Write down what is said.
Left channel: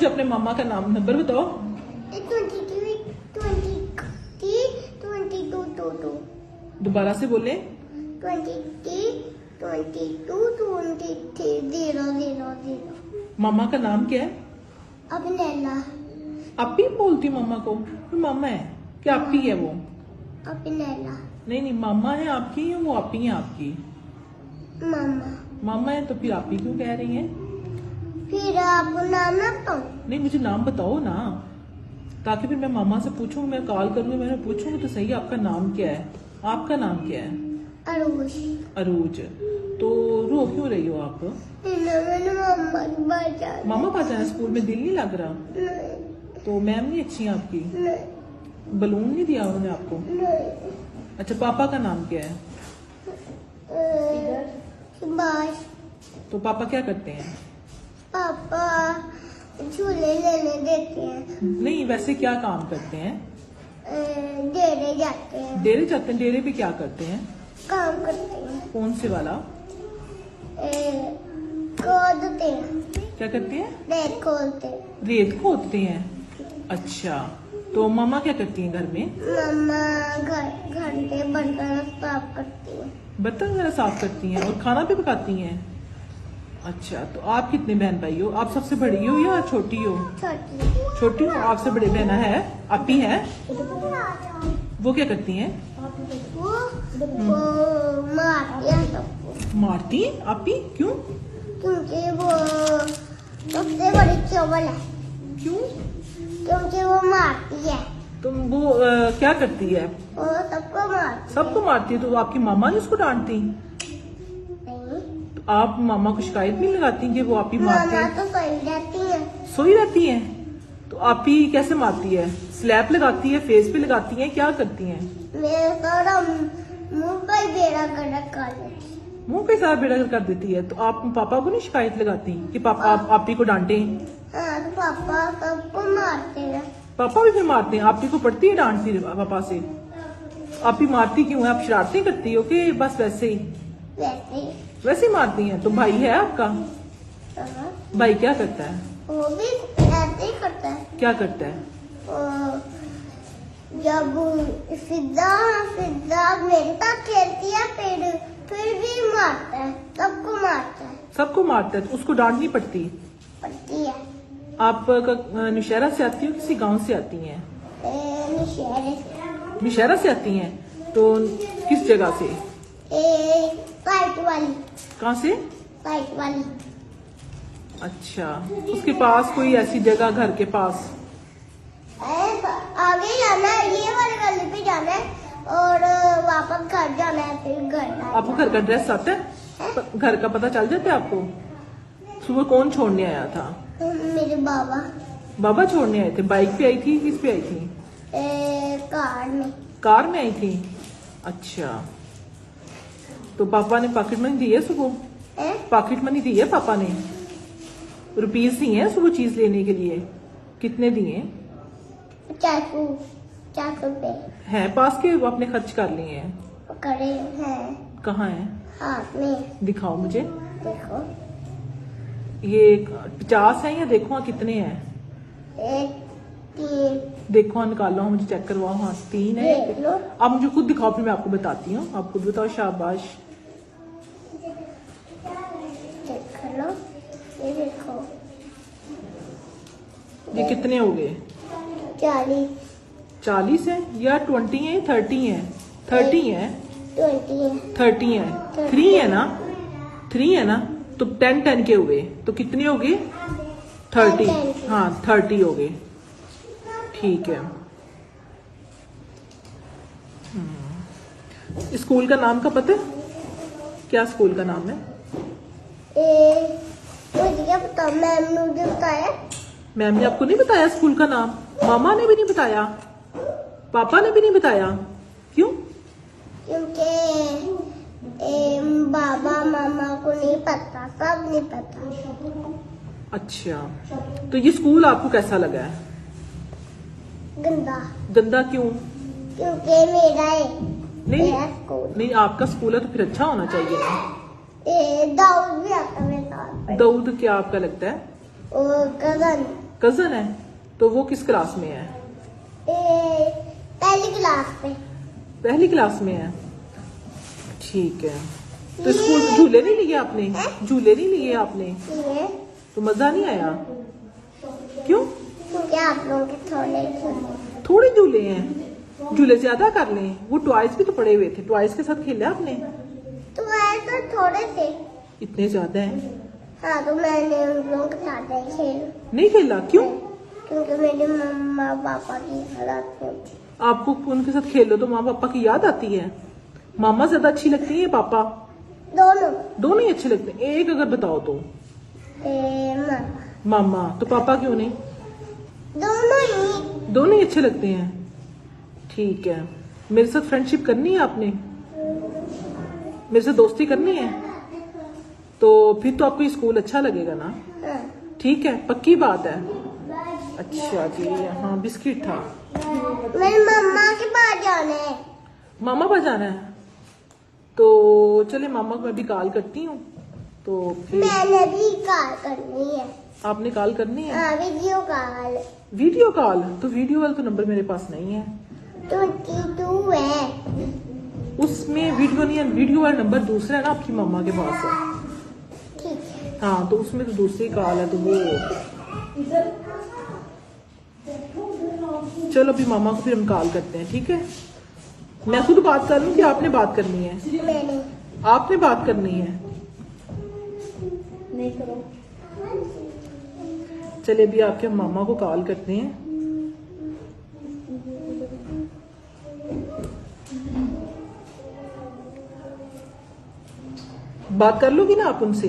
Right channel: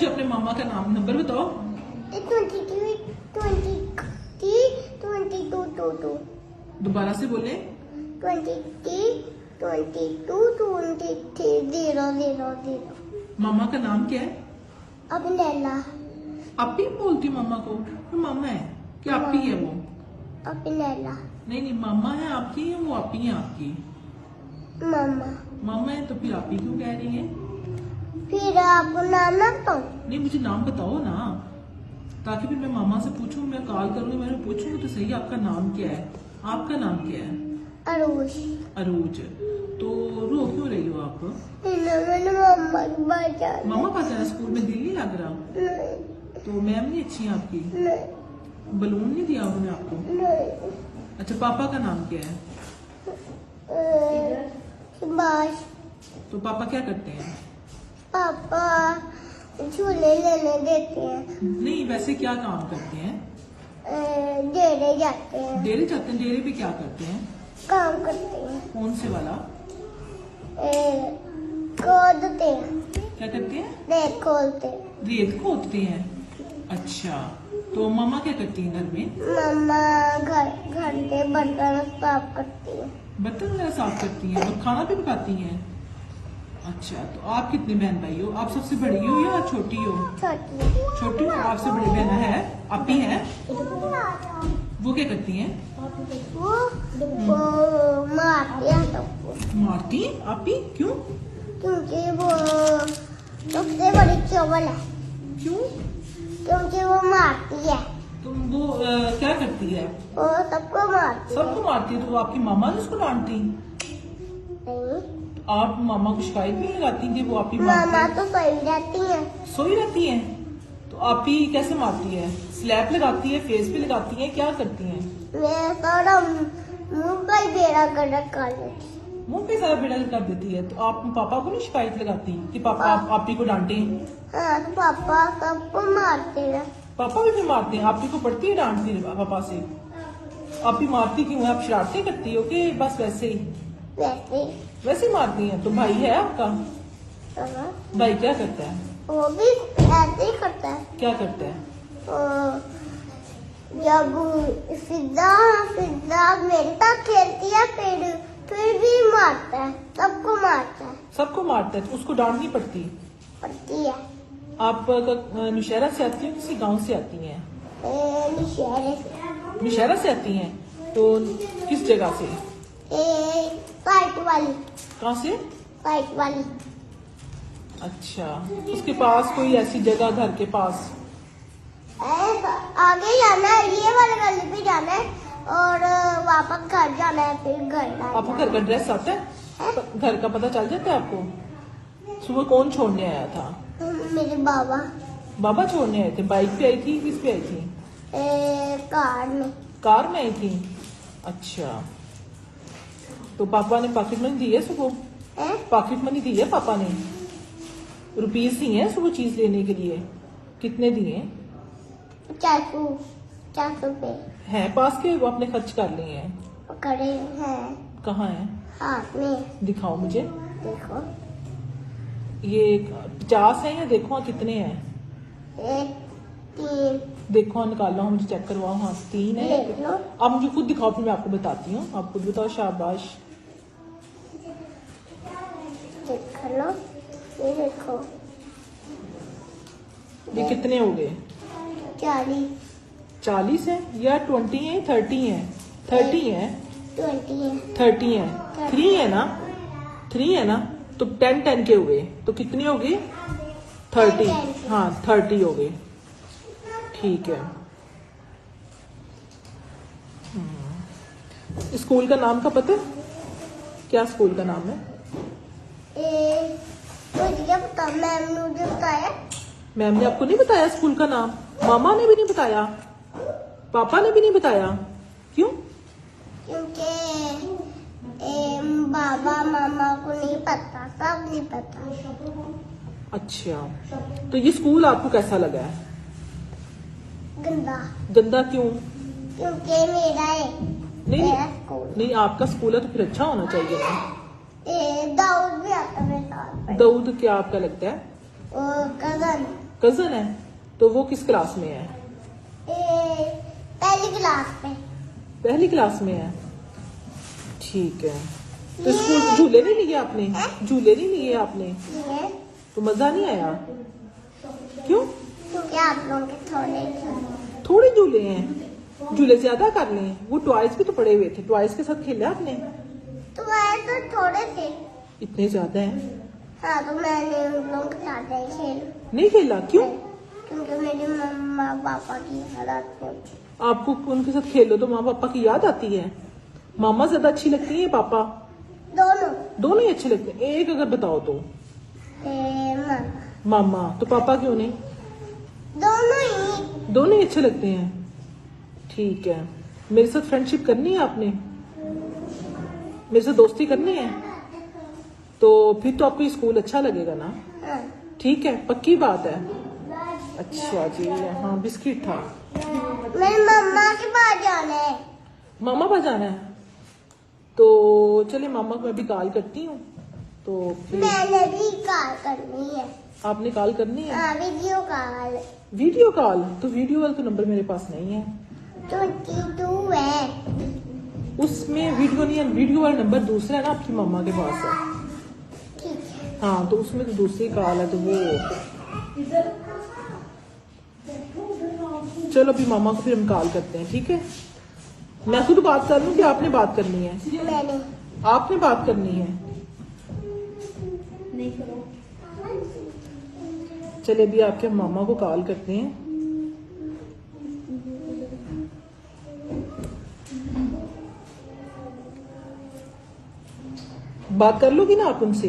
मुझे अपने मामा का नाम नंबर बताओ। 22 दोबारा से बोले। 000। मामा का नाम क्या है? अभिनैला। अपी बोलती मम्मा को? तो मामा है क्या अपी है वो? अभिनैला नहीं नहीं, मामा है आपकी या वो अपी है आपकी? मामा। मामा है तो फिर आपी क्यों कह रही है? फिर आपको नाम ना बताऊं? नहीं, मुझे नाम बताओ ना, ताकि फिर मैं मामा से पूछूंगी, मैं कॉल करूंगी, मैं पूछूंगी तो सही आपका नाम क्या है। आपका नाम क्या है? अरूज। अरूज। तो रो क्यों रही हो आप? मैंने मामा की बात जाना। मामा पास जाना, स्कूल में दिल नहीं लग रहा? नहीं तो मैम नहीं अच्छी है आपकी? नहीं बलून नहीं दिया उन्होंने आपको? नहीं। अच्छा, पापा का नाम क्या है? सुभाष। तो पापा क्या करते हैं? पापा झूले लेने देते हैं। नहीं, वैसे क्या काम करते हैं? डेरे जाते हैं। डेरे जाते हैं? डेरे पे क्या करते हैं? काम करते हैं। कौन से वाला? खोदते हैं। क्या करते हैं? रेत खोलते हैं। रेत खोदते हैं। अच्छा, तो मामा क्या करती हैं घर में? मम्मा घर के बर्तन साफ करती है। बर्तन वगैरह साफ करती हैं और खाना भी पकाती हैं। अच्छा, तो आप कितने बहन भाई हो? आप सबसे बड़ी हो या छोटी हो? छोटी। छोटी हो। आपसे बड़ी बहन है, अपी है, वो क्या करती हैं? वो मारती है सबको। मारती हैं? अपी क्यों? क्योंकि वो सबसे बड़ी चोबल है। क्यों? क्योंकि वो मारती है। तुम वो क्या करती है? वो सबको मारती है। सबको मारती है? तो वो आपकी मामा ने उसको डांटती? नहीं, आप मामा को शिकायत नहीं लगाती कि वो आपकी मामा मारती तो सही रहती है। सोई रहती है? तो आपी कैसे मारती है? स्लैब लगाती है, फेस पे लगाती है, क्या करती है? मैं सारा मुंह का ही बेड़ा गर्क कर देती। मुंह पे सारा बेड़ा कर देती है। तो आप पापा को नहीं शिकायत लगाती कि पापा आपी को डांटे? हाँ, तो पापा सबको मारते हैं। पापा भी फिर मारते हैं? आपी को पड़ती है डांटती है पापा से? आपी मारती क्यों है? आप शरारती करती हो कि बस वैसे ही? वैसे ही मारती है। तो भाई है आपका? भाई क्या करता है? वो भी ऐसे ही करता है। क्या करता है? जब फिजा मेरे साथ खेलती है फिर भी मारता है। सबको मारता है। सबको मारता है? तो उसको डांटनी पड़ती है। आप नौशहरा से आती हो, किसी गांव से आती हैं? नौशहरा से आती हैं? तो किस जगह से? साइट वाली। कहाँ से? साइट वाली। अच्छा, उसके पास कोई ऐसी जगह घर के पास? आगे जाना है, ये वाली गली पे जाना है और वापस घर जाना है, फिर घर आपको घर का एड्रेस आता है? घर का पता चल जाता है आपको? सुबह कौन छोड़ने आया था? मेरे बाबा। बाबा छोड़ने आए थे? बाइक पे आई थी, किस पे आई थी? कार में। कार में आई थी? अच्छा, तो पापा ने पॉकेट मनी दी है सुबह? पॉकेट मनी दी है पापा ने? रुपीज दिए हैं सुबह चीज लेने के लिए? कितने दिए? 400 रुपए है पास के? वो अपने खर्च कर लिए हैं? करे हैं कहाँ है? हाथ में। दिखाओ मुझे। देखो, ये 50 है या देखो कितने हैं? 1 3। देखो निकालो, मुझे चेक करवाओ। हाँ 3 है। देख लो। अब मुझे खुद दिखाओ, फिर मैं आपको बताती हूँ। आपको बताओ। शाबाश। देख लो, ये देखो। ये कितने हो गए? 40 40 है या 20 है? 30 है? 30 है? 20 है। 30 है? 3 है ना? 3 है ना? तो 10 के हो गए। तो कितने हो गए? 30। 10 हाँ 30 हो गए। ठीक है। स्कूल का नाम तो पता? क्या स्कूल का नाम है? मुझे क्या पता, मैम ने मुझे बताया। मैम ने आपको नहीं बताया स्कूल का नाम? मामा ने भी नहीं बताया? पापा ने भी नहीं बताया? क्यों? क्योंकि बाबा मामा को नहीं पता, सब नहीं पता। अच्छा, तो ये स्कूल आपको कैसा लगा है? गंदा। गंदा क्यों? क्योंकि मेरा है, मेरा स्कूल। नहीं, आपका स्कूल है तो फिर अच्छा होना चाहिए। दाऊद भी आता है मेरे साथ। दाऊद क्या आपका लगता है? वो कजन। कजन है, तो वो किस क्लास में है? पहली क्लास पे। पहली क्लास में है, ठीक है। तो स्कूल में झूले नहीं लिए आपने? झूले नहीं लिए आपने? ये तो मजा नहीं आएगा? क्यों? क्योंकि आप लोगों के थोड़े झूले हैं, झूले ज्यादा कर लिए। वो टॉयज भी तो पड़े हुए थे, टॉयज के साथ खेला आपने? तो ऐसे थोड़े थे। इतने ज्यादा हैं? हाँ, तो मैंने उन लोगों के साथ नहीं खेला, क्यों? क्योंकि मेरे मम्मा पापा की हालत में। आपको उनके साथ खेलो तो माँ पापा की याद आती है? मामा ज्यादा अच्छी लगती है पापा? दोनों ही अच्छे लगते हैं। एक अगर बताओ तुम। मामा। तो पापा क्यों नहीं? दोनों ही अच्छे लगते हैं, ठीक है। मेरे साथ फ्रेंडशिप करनी है आपने? मेरे साथ दोस्ती करनी है? तो फिर तो आपको स्कूल अच्छा लगेगा ना? ठीक है, पक्की बात है। अच्छा जी, हाँ, बिस्किट था। मेरी मम्मा के पास जाना है। मामा पर जाना है, तो चलिए मामा को मैं भी कॉल करती हूँ। तो मैंने भी कॉल करनी है। आपने कॉल करनी है? हाँ, वीडियो कॉल। Video call? तो वीडियो वाला तो नंबर मेरे पास नहीं है। 22 है उसमें वीडियो नहीं है, वीडियो वाला नंबर दूसरा है ना आपकी मामा के पास है। ठीक है। हाँ, तो उसमें दूसरी कॉल है, तो वो चलो भी मामा को फिर हम कॉल करते हैं, ठीक है? मैं खुद बात कर रही हूँ कि आपने बात करनी है? मैंने आपने बात करनी है? नहीं करो। चलिए भी आपके मामा को कॉल करते हैं। बात कर लोगी ना आप उनसे?